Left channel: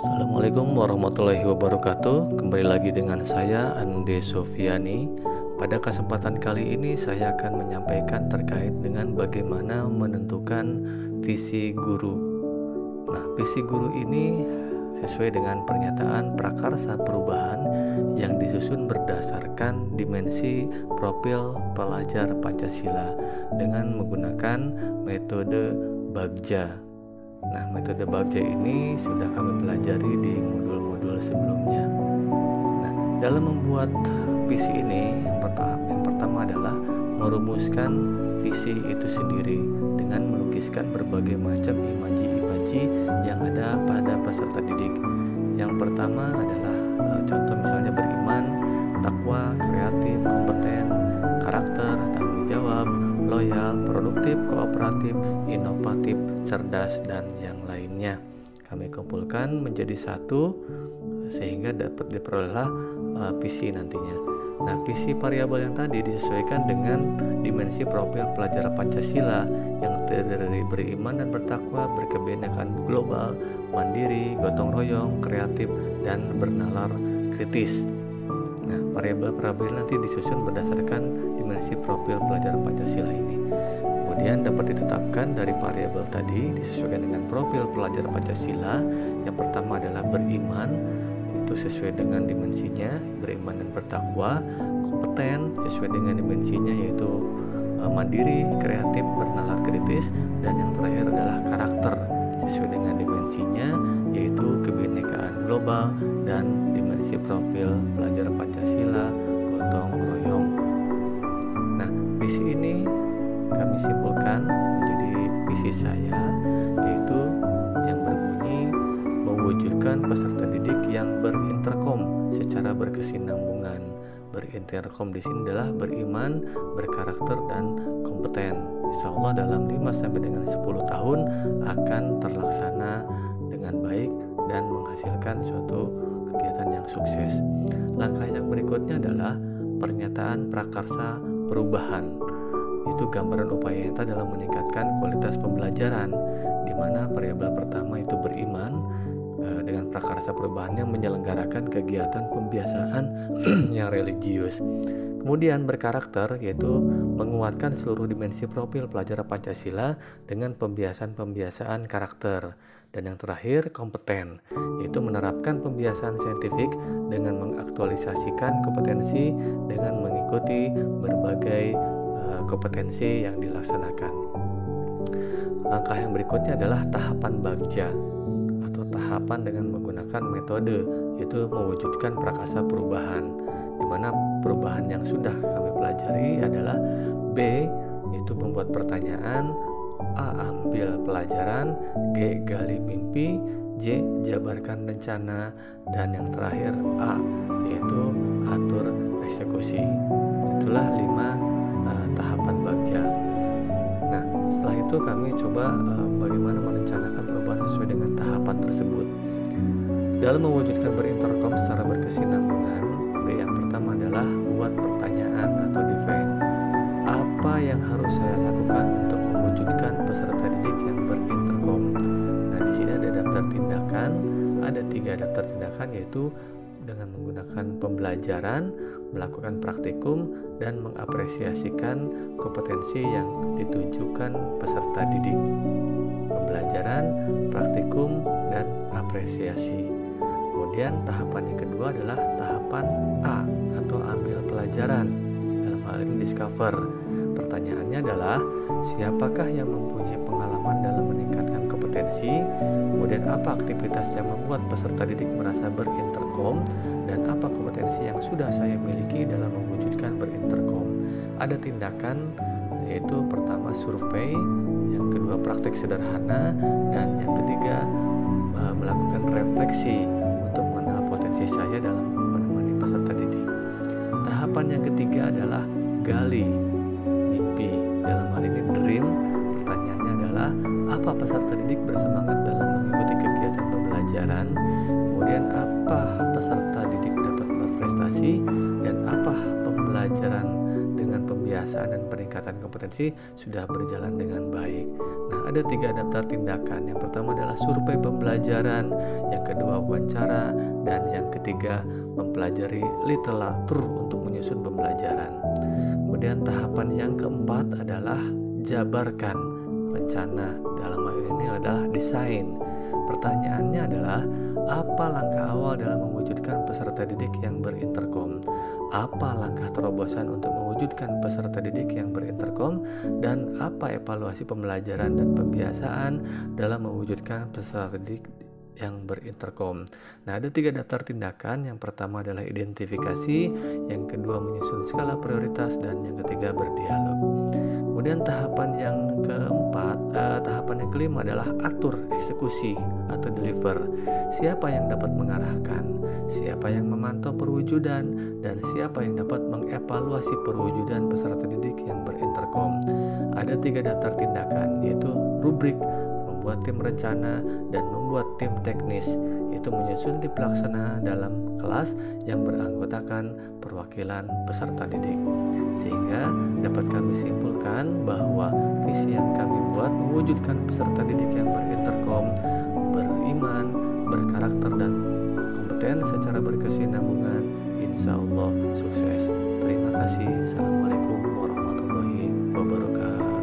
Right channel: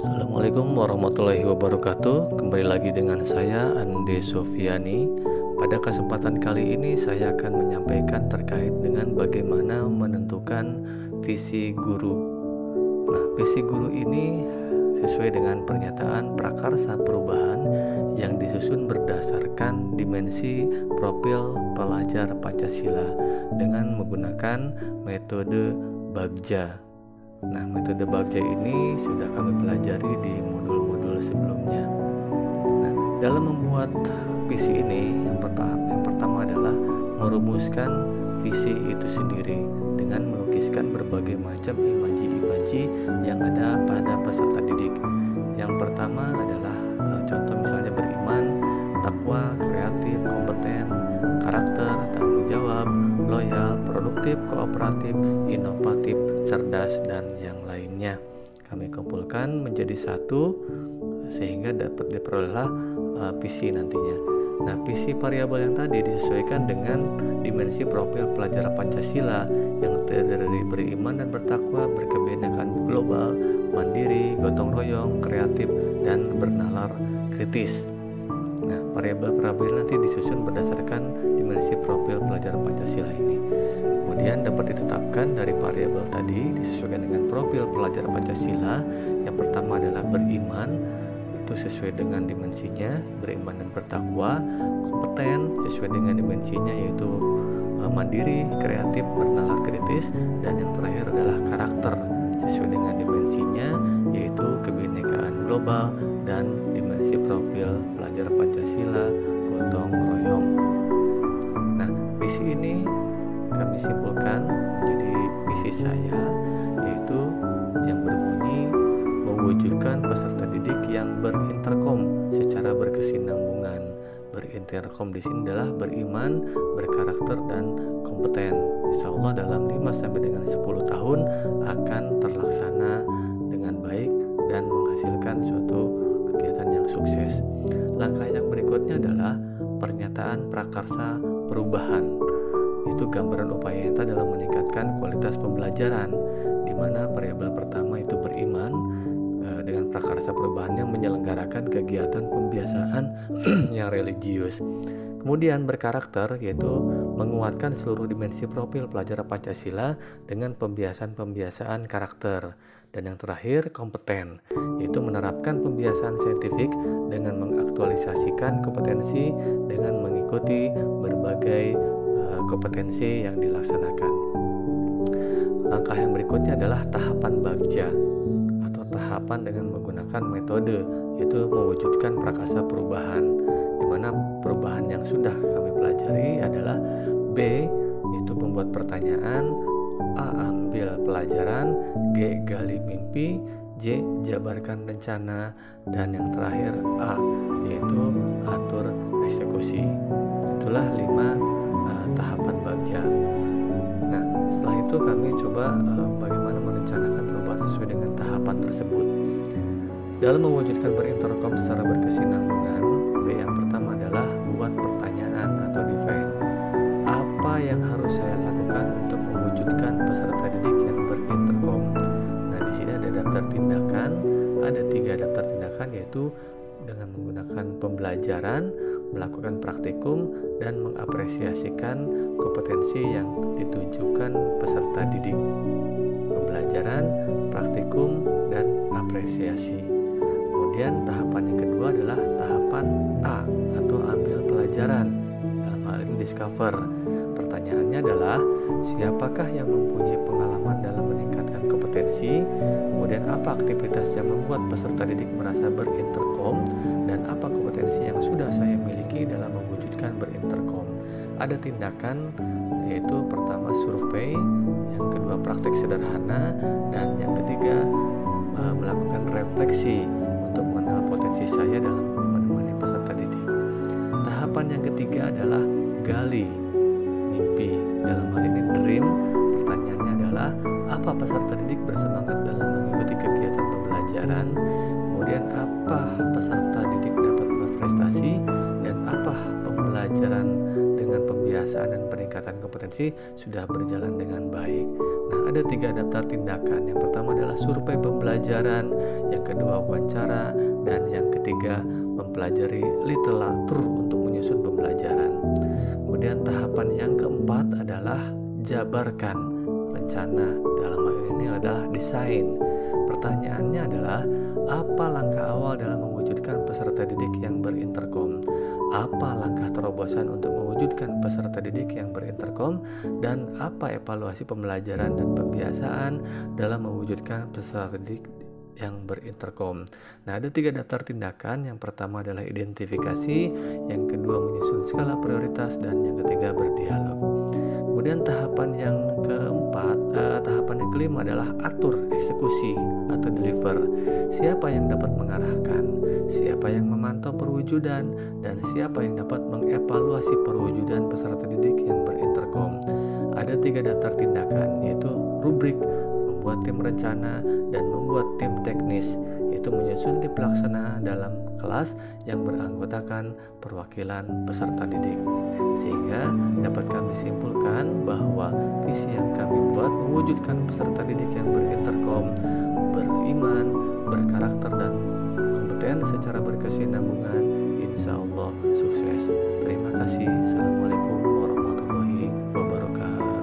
Assalamualaikum warahmatullahi wabarakatuh. Kembali lagi dengan saya Ande Sofiani. Pada kesempatan kali ini saya akan menyampaikan terkait dengan bagaimana menentukan visi guru. Nah, visi guru ini sesuai dengan pernyataan prakarsa perubahan yang disusun berdasarkan dimensi profil pelajar Pancasila dengan menggunakan metode Bagja. Nah, metode Bagja ini sudah kami pelajari di modul-modul sebelumnya. Nah, dalam membuat visi ini yang pertama adalah merumuskan visi itu sendiri dengan melukiskan berbagai macam imaji-imaji yang ada pada peserta didik. Yang pertama adalah contoh misalnya beriman, takwa, kreatif, kompeten, karakter, tanggung jawab, loyal, produktif, kooperatif, inovatif, cerdas, dan yang lainnya. Kami kumpulkan menjadi satu sehingga dapat diperolehlah visi nantinya. Nah, visi variabel yang tadi disesuaikan dengan dimensi profil pelajar Pancasila yang terdiri dari beriman dan bertakwa, berkebinekaan global, mandiri, gotong royong, kreatif, dan bernalar kritis. Nah, variabel-variabel nanti disusun berdasarkan dimensi profil pelajar Pancasila ini. Kemudian dapat ditetapkan dari variabel tadi disesuaikan dengan profil pelajar Pancasila. Yang pertama adalah beriman, itu sesuai dengan dimensinya, beriman dan bertakwa. Kompeten sesuai dengan dimensinya, yaitu mandiri, kreatif, bernalar kritis. Dan yang terakhir adalah karakter sesuai dengan dimensinya, yaitu kebinekaan global dan dimensi profil pelajar Pancasila, gotong royong. Nah, visi ini kami simpulkan menjadi visi saya, yaitu yang berbunyi mewujudkan peserta didik yang berinterkom secara berkesinambungan. Berinterkom di sini adalah beriman, berkarakter, dan kompeten. Insya Allah dalam 5 sampai dengan 10 tahun akan terlaksana dengan baik dan menghasilkan suatu kegiatan yang sukses. Langkah yang berikutnya adalah pernyataan prakarsa perubahan. Itu gambaran upaya nyata dalam meningkatkan kualitas pembelajaran, di mana variabel pertama itu beriman dengan prakarsa perubahannya menyelenggarakan kegiatan pembiasaan yang religius. Kemudian berkarakter, yaitu menguatkan seluruh dimensi profil pelajar Pancasila dengan pembiasaan-pembiasaan karakter. Dan yang terakhir kompeten, yaitu menerapkan pembiasaan saintifik dengan mengaktualisasikan kompetensi dengan mengikuti berbagai kompetensi yang dilaksanakan. Langkah yang berikutnya adalah tahapan Bagja atau tahapan dengan menggunakan metode, yaitu mewujudkan prakarsa perubahan, di mana perubahan yang sudah kami pelajari adalah B, yaitu membuat pertanyaan, A, ambil pelajaran, G, gali mimpi, J, jabarkan rencana, dan yang terakhir A, yaitu atur eksekusi. Itulah 5 tahapan Bagja. Nah, setelah itu kami coba bagaimana merencanakan perubahan sesuai dengan tahapan tersebut. Dalam mewujudkan berinterkom secara berkesinambungan, B yang pertama adalah buat pertanyaan atau define. Apa yang harus saya lakukan untuk mewujudkan peserta didik yang berinterkom? Nah, di sini ada daftar tindakan, ada 3 daftar tindakan, yaitu dengan menggunakan pembelajaran, melakukan praktikum, dan mengapresiasikan kompetensi yang ditujukan peserta didik. Pembelajaran, praktikum, dan apresiasi. Kemudian tahapan yang kedua adalah tahapan A atau ambil pelajaran. Dalam hal ini discover. Pertanyaannya adalah siapakah yang mempunyai pengalaman dalam meningkatkan kompetensi, kemudian apa aktivitas yang membuat peserta didik merasa berinterkom, dan apa kompetensi yang sudah saya miliki dalam mewujudkan berinterkom. Ada tindakan, yaitu pertama survei, yang kedua praktik sederhana, dan yang ketiga melakukan refleksi untuk mengenal potensi saya dalam menemani peserta didik. Tahapan yang ketiga adalah gali mimpi. Dalam hal ini dream. Pertanyaannya adalah apa peserta didik bersemangat dalam mengikuti kegiatan pembelajaran, kemudian apa peserta didik dapat berprestasi, dan apa pembelajaran dengan pembiasaan dan peningkatan kompetensi sudah berjalan dengan baik. Nah, ada 3 daftar tindakan. Yang pertama adalah survei pembelajaran, yang kedua wawancara, dan yang ketiga mempelajari literatur untuk menyusun pembelajaran. Kemudian tahapan yang keempat adalah jabarkan rencana. Dalam hal ini adalah desain. Pertanyaannya adalah, apa langkah awal dalam mewujudkan peserta didik yang berinterkom? Apa langkah terobosan untuk mewujudkan peserta didik yang berinterkom? Dan apa evaluasi pembelajaran dan pembiasaan dalam mewujudkan peserta didik yang berinterkom? Nah, ada 3 daftar tindakan. Yang pertama adalah identifikasi, yang kedua menyusun skala prioritas, dan yang ketiga berdialog. Kemudian tahapan yang kelima adalah atur eksekusi atau deliver. Siapa yang dapat mengarahkan, siapa yang memantau perwujudan, dan siapa yang dapat mengevaluasi perwujudan peserta didik yang berinterkom. Ada 3 daftar tindakan, yaitu rubrik, membuat tim rencana, dan membuat tim teknis, yaitu menyusun tim pelaksana dalam kelas yang beranggotakan perwakilan peserta didik. Sehingga dapat kami simpulkan bahwa visi yang kami buat mewujudkan peserta didik yang berinterkom, beriman, berkarakter, dan kompeten secara berkesinambungan. Insya Allah sukses. Terima kasih. Assalamualaikum warahmatullahi wabarakatuh.